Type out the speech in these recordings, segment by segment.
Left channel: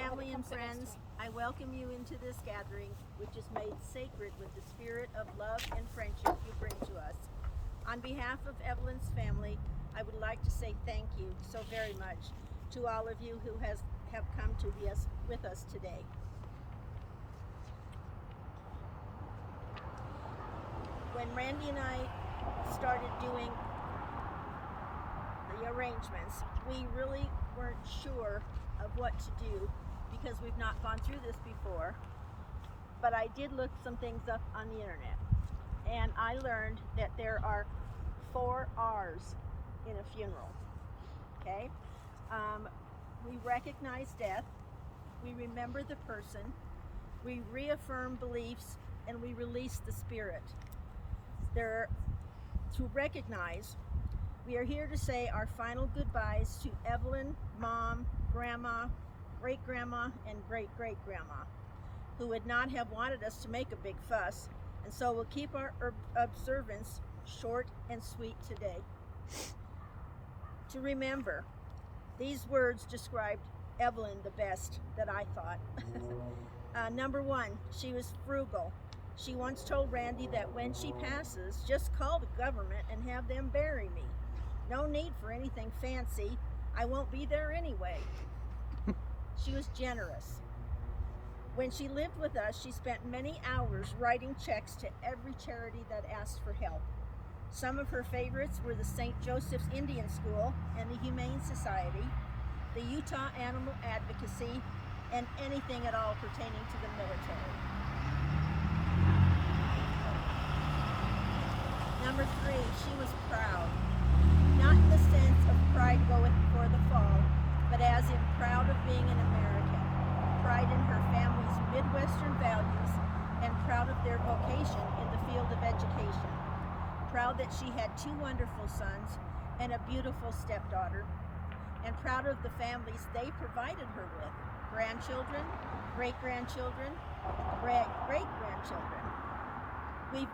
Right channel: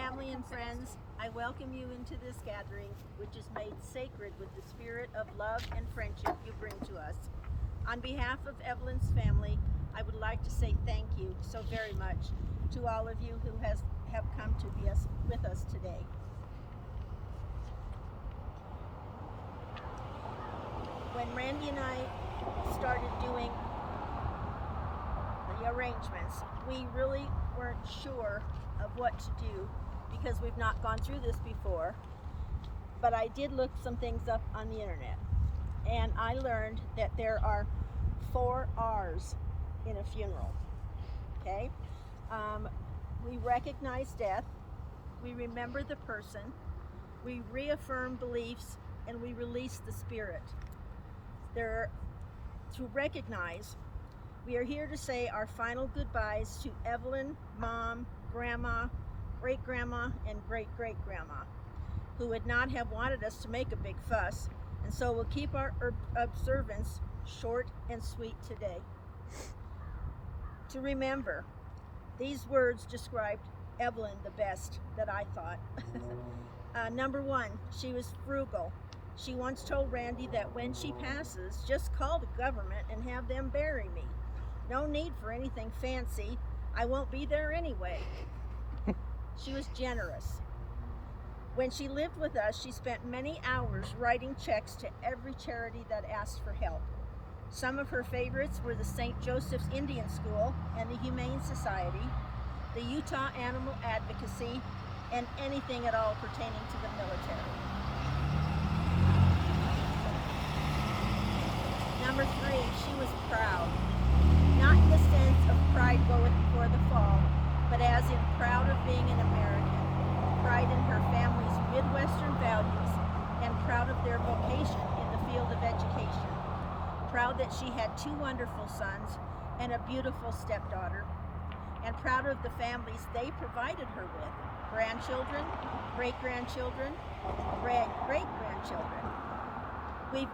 Family and friends, I welcome you into this gathering, which is made sacred with the spirit of love and friendship you bring to us. On behalf of Evelyn's family, I would like to say thank you so very much to all of you who have come to be with us today. When Randy and I started doing the arrangements, we really weren't sure of what to do because we've not gone through this before. But I did look some things up on the internet, and I learned that there are 4 R's in a funeral. Okay? We recognize death, we remember the person, we reaffirm beliefs, and we release the spirit. To recognize, we are here to say our final goodbyes to Evelyn, Mom, Grandma, Great-Grandma, and Great-Great-Grandma, who would not have wanted us to make a big fuss, and so we'll keep our observance short and sweet today. To remember, these words described Evelyn the best that I thought. Number 1, she was frugal. She once told Randy that when she passes, just call the government and have them bury me. No need for anything fancy. I won't be there anyway. She was generous. When she lived with us, she spent many hours writing checks to every charity that asked for help. Some of her favorites were the St. Joseph's Indian School and the Humane Society, the Utah Animal Advocacy, and anything at all pertaining to the military. Number 3, she was proud. Not in the sense of pride goeth before the fall, but as in proud of being an American. Pride in her family's Midwestern values and proud of their vocation in the field of education. Proud that she had 2 wonderful sons and a beautiful stepdaughter, and proud of the families they provided her with, grandchildren, great-grandchildren, great-grandchildren. We've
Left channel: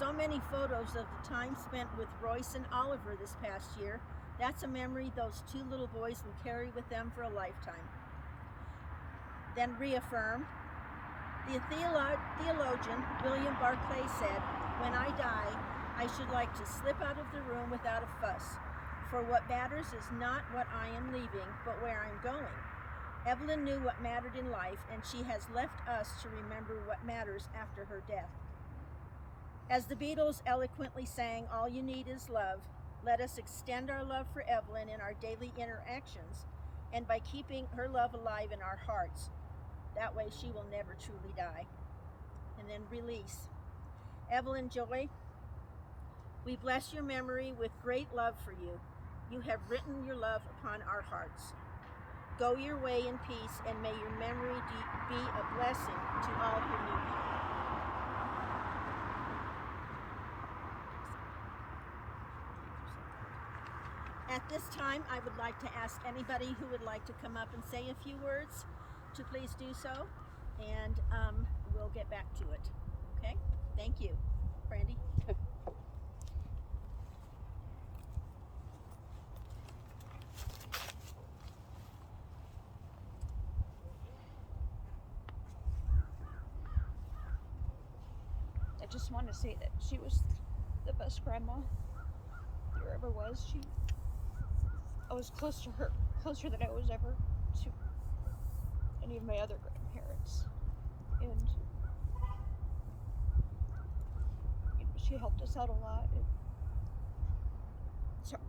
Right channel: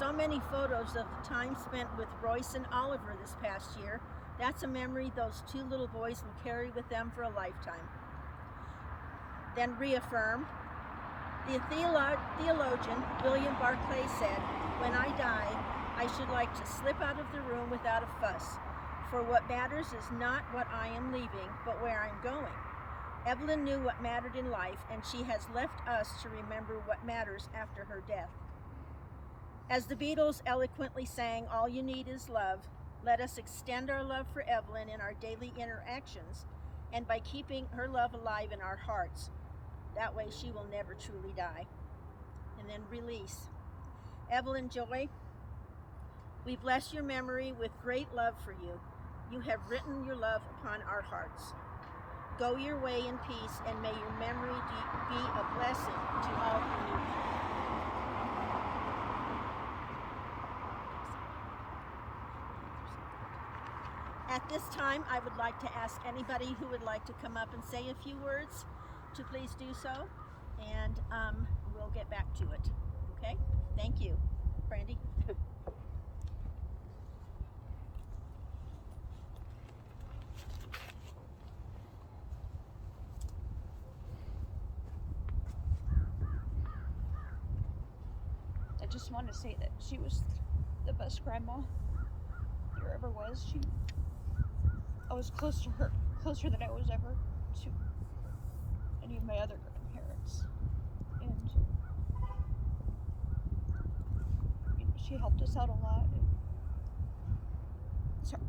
so many photos of the time spent with Royce and Oliver this past year. That's a memory those 2 little boys will carry with them for a lifetime. Then reaffirm. The theologian William Barclay said, "When I die, I should like to slip out of the room without a fuss, for what matters is not what I am leaving, but where I'm going." Evelyn knew what mattered in life, and she has left us to remember what matters after her death. As the Beatles eloquently sang, "All you need is love," let us extend our love for Evelyn in our daily interactions and by keeping her love alive in our hearts. That way she will never truly die. And then release. Evelyn Joy, we bless your memory with great love for you. You have written your love upon our hearts. Go your way in peace, and may your memory be a blessing to all who knew you. At this time, I would like to ask anybody who would like to come up and say a few words to please do so, and we'll get back to it. Okay? Thank you. Brandy? I just want to say that she was the best grandma there ever was. I was close to her, closer than I was ever to any of my other grandparents. And she helped us out a lot. Sorry.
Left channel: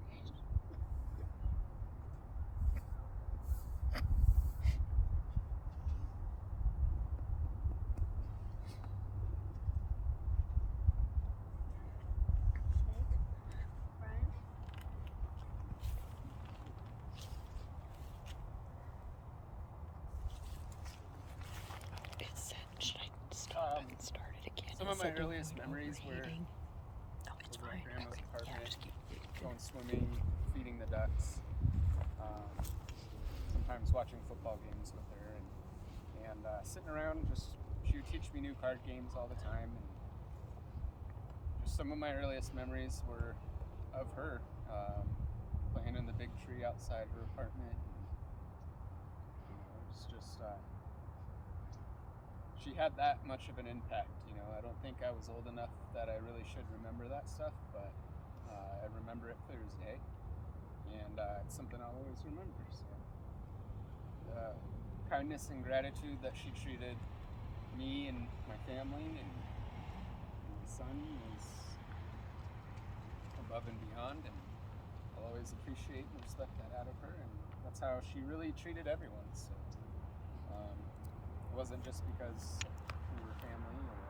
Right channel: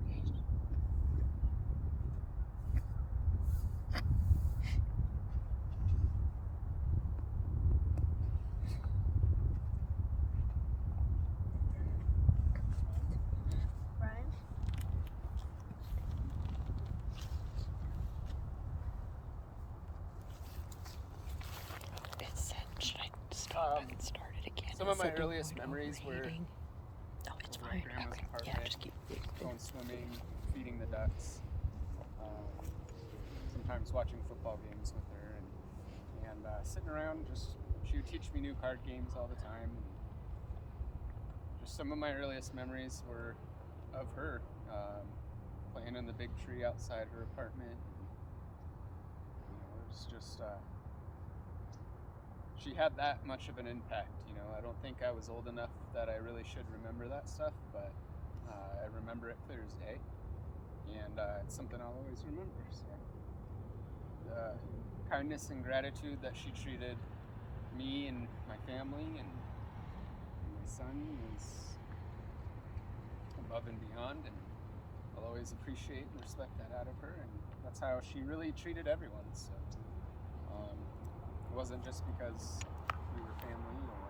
Brian? It said, should I stop and start it again? Some of my earliest memories were it's over fine. at Grandma's Okay. apartment, Yeah, just keep. going swimming, feeding the ducks, sometimes watching football games with her, and sitting around. She would teach me new card games all the time, and just some of my earliest memories were of her playing in the big tree outside her apartment. And, it was just she had that much of an impact. You know, I don't think I was old enough that I really should remember that stuff, but I remember it clear as day, and it's something I'll always remember. So the kindness and gratitude that she treated me and my family and my son was above and beyond, and I'll always appreciate and respect that out of her, and that's how she really treated everyone. So it wasn't just because we were family or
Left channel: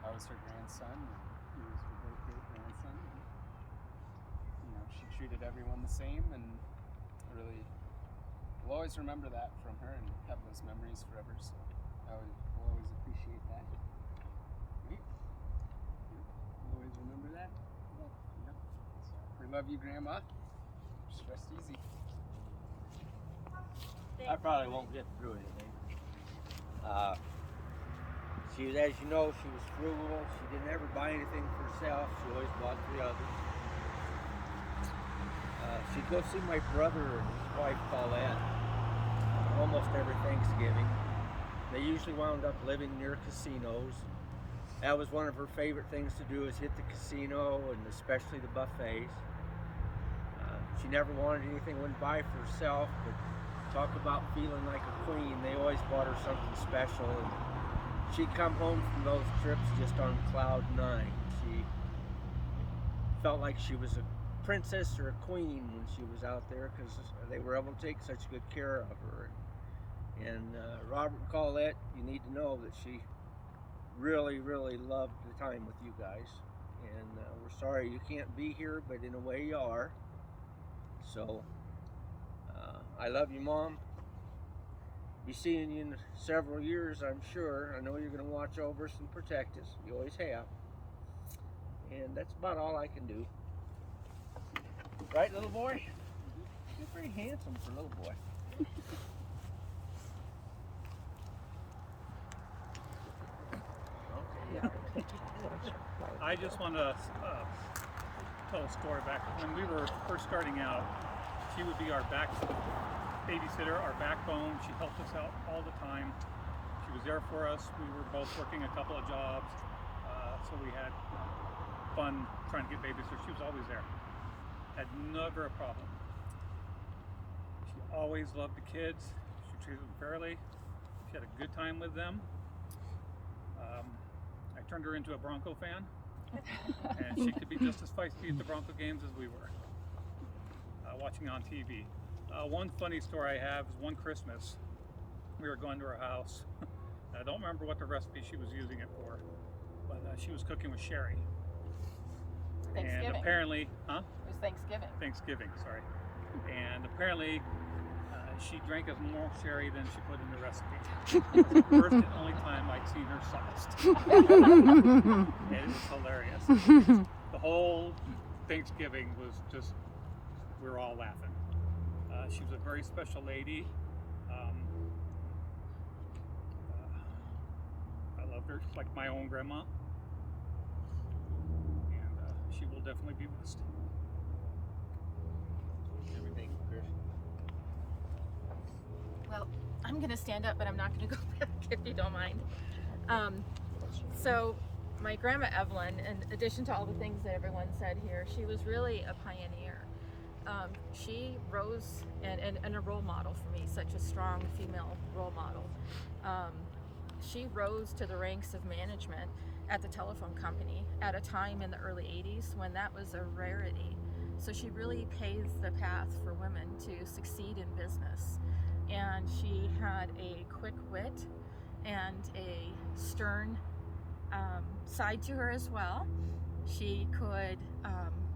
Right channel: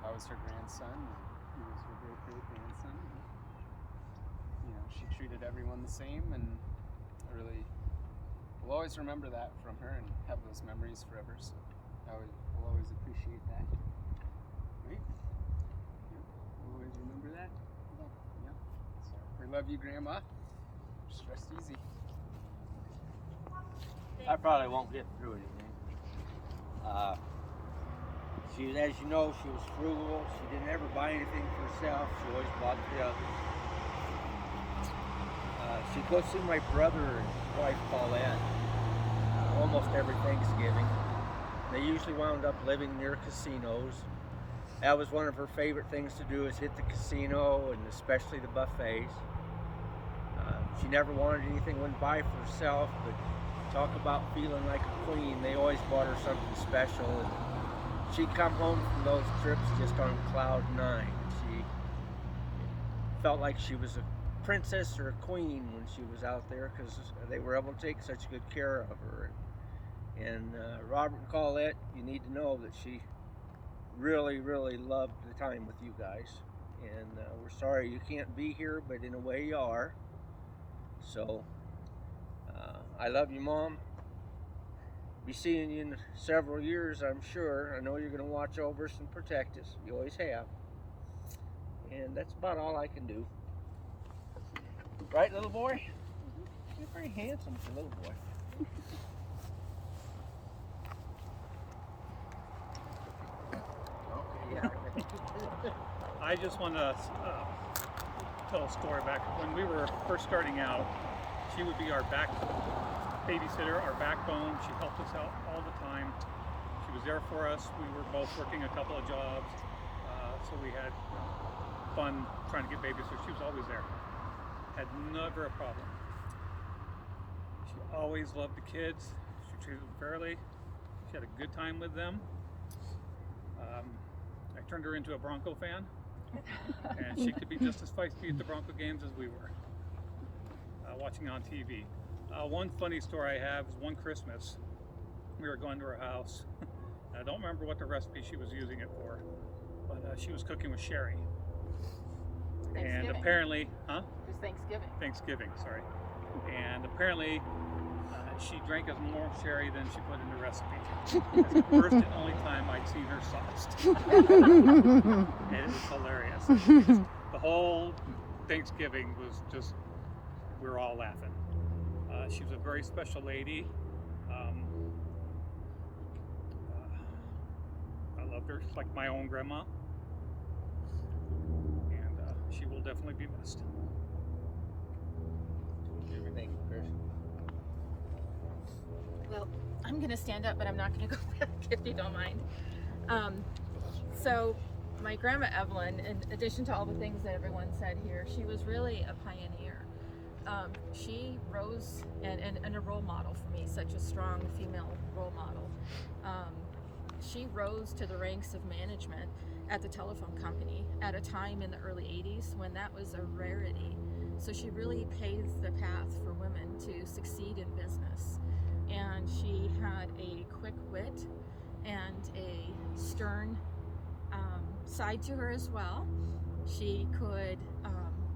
I was her grandson or he was her great-great-grandson. You know, she treated everyone the same, and I really will always remember that from her and have those memories forever. So I will always appreciate that. Right? Yep. We'll always remember that. Yep. Yep. So we love you, Grandma. Just rest easy. I probably won't get through anything. She was, as you know, she was frugal. She didn't ever buy anything for herself. She always bought for the others. She'd go see my brother and his wife Paulette almost every Thanksgiving. They usually wound up living near casinos. That was one of her favorite things to do, is hit the casino, and especially the buffets. She never wanted anything, wouldn't buy for herself, but talk about feeling like a queen. They always bought her something special, and she'd come home from those trips just on cloud 9. She felt like she was a princess or a queen when she was out there, because they were able to take such good care of her. And Robert and Colette, you need to know that she really, really loved the time with you guys. And we're sorry you can't be here, but in a way you are. So I love you, Mom. Be seeing you in several years, I'm sure. I know you're going to watch over us and protect us. You always have. And that's about all I can do. Right, little boy? You're pretty handsome for a little boy. Okay, yeah. I just want to tell a story back when we were first starting out. She would be our babysitter, our backbone. She helped us out all the time. She was there for us. We were both working a couple of jobs, so we had fun trying to get babysitters. She was always there. Had never a problem. She always loved the kids. She treated them fairly. She had a good time with them. I turned her into a Bronco fan, and she could be just as feisty at the Bronco games as we were, watching on TV. One funny story I have is one Christmas, we were going to her house. I don't remember what the recipe she was using it for, but she was cooking with sherry. And apparently, It was Thanksgiving. Thanksgiving, sorry. And apparently, she drank as more sherry than she put in the recipe. That's the first and only time I'd seen her sauced. And it was hilarious. The whole Thanksgiving was just, we were all laughing. She was a very special lady. I loved her like my own grandma. And she will definitely be missed. Thank you, Chris. Well, I'm going to stand up, but I'm not going to go back if you don't mind. So my grandma Evelyn, in addition to all the things that everyone said here, she was really a pioneer. She rose and a role model for me, such a strong female role model. She rose to the ranks of management at the telephone company at a time in the early 80s when that was a rarity. So she really paved the path for women to succeed in business. And she had a quick wit and a stern side to her as well. She could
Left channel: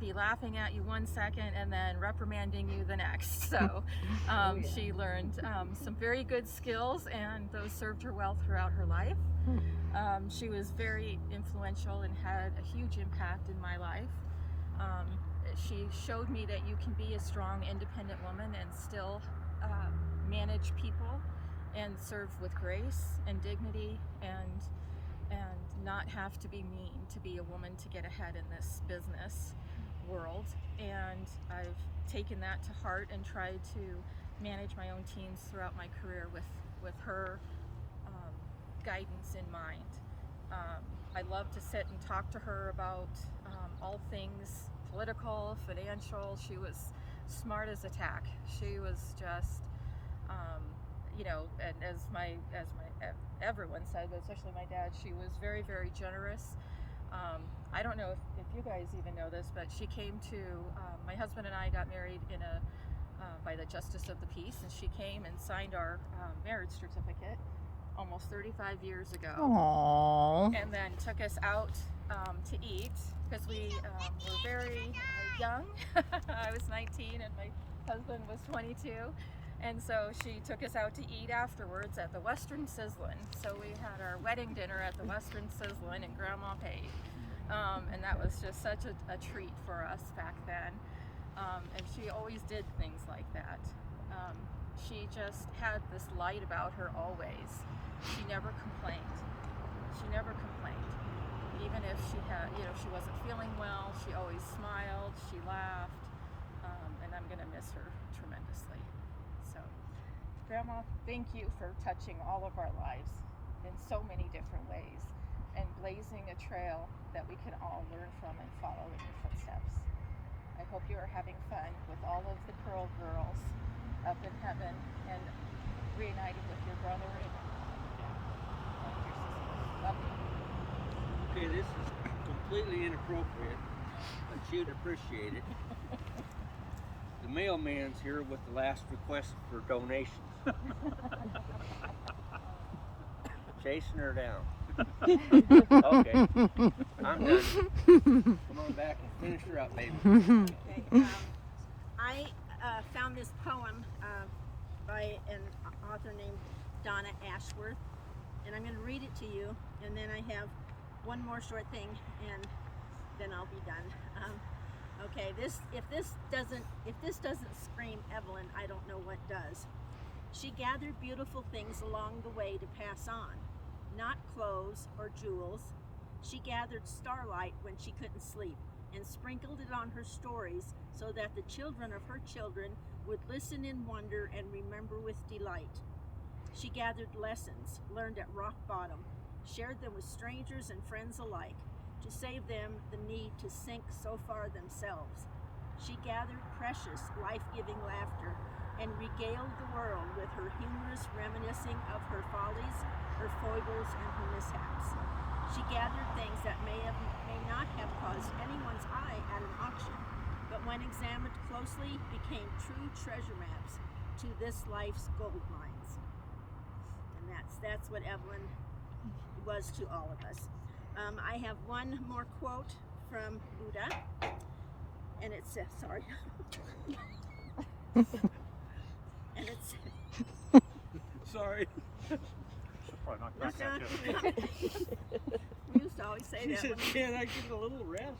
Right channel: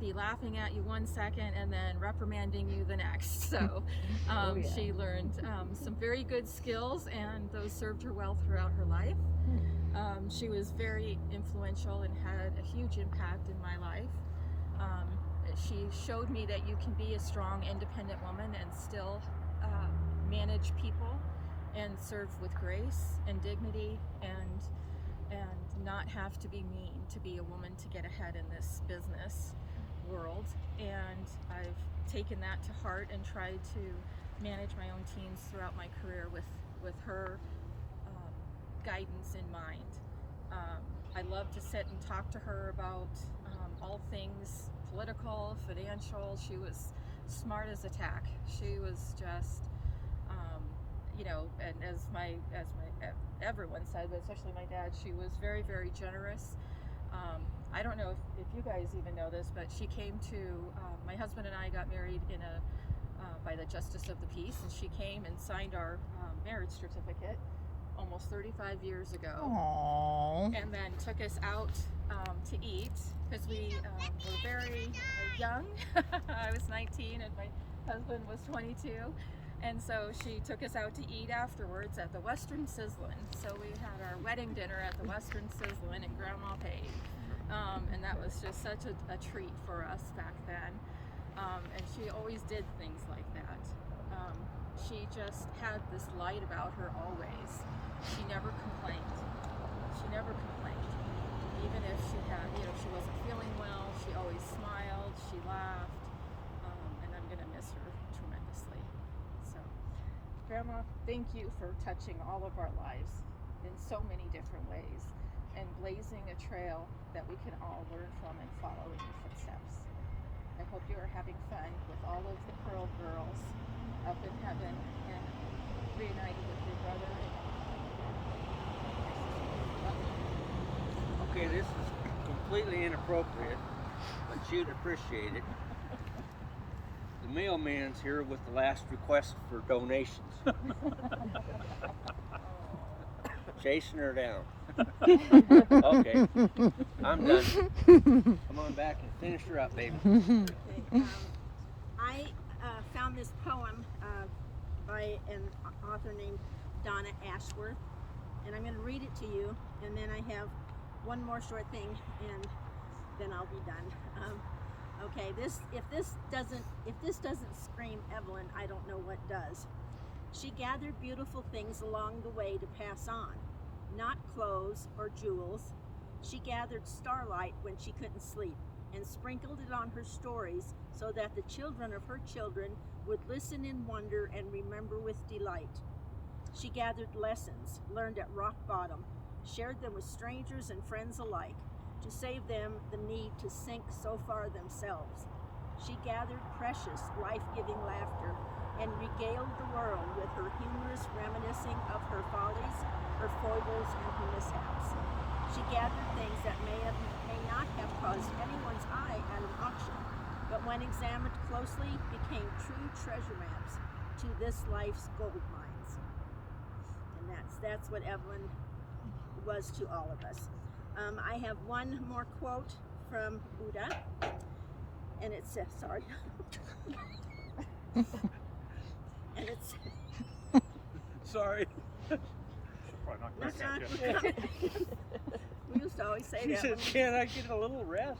be laughing at you one second and then reprimanding you the next. So she learned some very good skills, and those served her well throughout her life. She was very influential and had a huge impact in my life. She showed me that you can be a strong, independent woman and still manage people and serve with grace and dignity and not have to be mean to be a woman to get ahead in this business world. And I've taken that to heart and tried to manage my own teams throughout my career with with her guidance in mind. I love to sit and talk to her about all things political, financial. She was smart as a tack. She was just, you know, and as everyone said, but especially my dad, she was very, very generous. I don't know if you guys even know this, but she came to, my husband and I got married in by the Justice of the Peace, and she came and signed our marriage certificate almost 35 years ago. Aww. And then took us out to eat because we were very young. I was 19 and my husband was 22. And so she took us out to eat afterwards at the Western Sizzlin'. So we had our wedding dinner at the Western Sizzlin', and Grandma paid. And that was just such a treat for us back then. And she always did things like that. She just had this light about her always. She never complained. She never complained. Even if she had, you know, she wasn't feeling well, she always smiled, she laughed, and I'm gonna miss her tremendously. So, Grandma, thank you for touching all of our lives in so many different ways and blazing a trail that we can all learn from and follow in your footsteps. I hope you are having fun with all of the Curl girls up in heaven and reunited with your brother and your mom and your dad. And your sisters. Love you. Okay, this is completely inappropriate, but you'd appreciate it. The mailman's here with the last request for donations. Chasing her down. Okay, I'm done. Come on back and finish her up, baby. Okay, I found this poem by an author named Donna Ashworth, and I'm going to read it to you, and then I have one more short thing, and then I'll be done. Okay, if this doesn't scream Evelyn, I don't know what does. She gathered beautiful things along the way to pass on, not clothes or jewels. She gathered starlight when she couldn't sleep and sprinkled it on her stories so that the children of her children would listen in wonder and remember with delight. She gathered lessons learned at rock bottom, shared them with strangers and friends alike, to save them the need to sink so far themselves. She gathered precious, life-giving laughter and regaled the world with her humorous reminiscing of her follies, her foibles, and her mishaps. She gathered things that may not have caused anyone's eye at an auction, but when examined closely became true treasure maps to this life's gold mines. And that's what Evelyn was to all of us. I have one more quote from Buddha, and it says, sorry, and it's, Sorry. knock, knock, we're coming. We used to always say She that. said, can I get a little rest?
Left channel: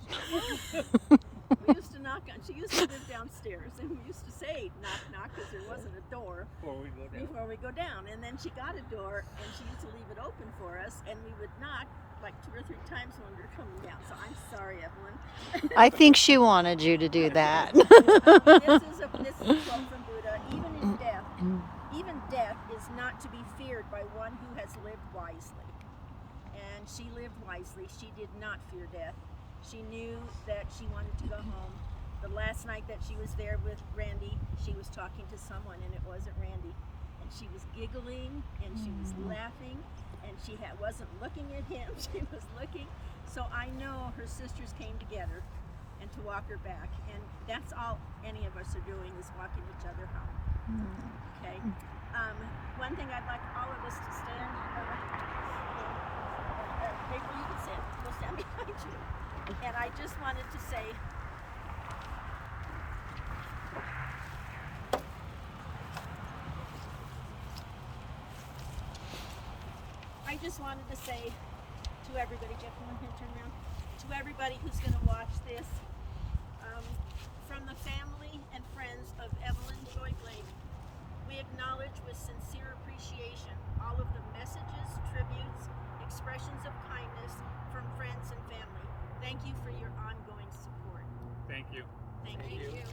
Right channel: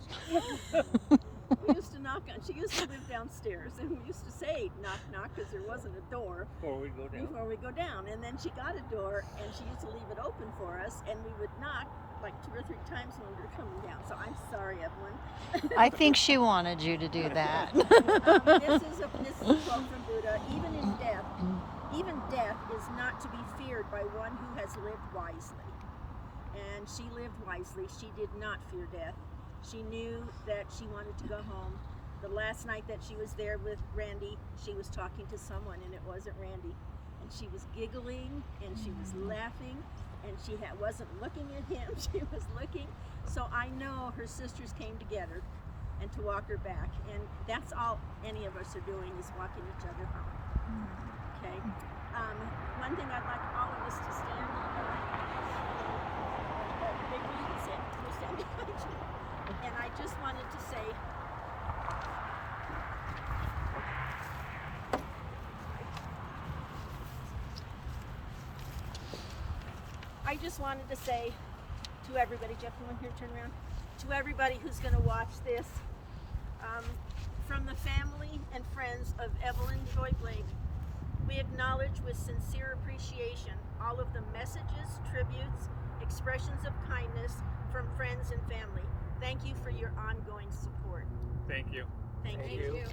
We used to knock on, she used to live downstairs, and we used to say knock, knock, because there wasn't a door Before we go down. before we go down. And then she got a door, and she used to leave it open for us, and we would knock like 2 or 3 times when we were coming down. So I'm sorry, Evelyn. I think she wanted you to do that. This is a quote from Buddha. Even death is not to be feared by one who has lived wisely. And she lived wisely. She did not fear death. She knew that she wanted to go home. The last night that she was there with Randy, she was talking to someone, and it wasn't Randy. And she was giggling, and she was laughing, and she wasn't looking at him. She was looking. So I know her sisters came together and to walk her back. And that's all any of us are doing, is walking each other home. Okay. One thing I'd like all of us to stand April, you can stand. We'll stand behind you. And I just wanted to say, to everybody, gentlemen, here, turn around, to everybody who's going to watch this, from the family and friends of Evelyn Joy Blake, we acknowledge with sincere appreciation all of the messages, tributes, expressions of kindness from friends and family. Thank you for your ongoing support. Thank you. Thank Thank you. you.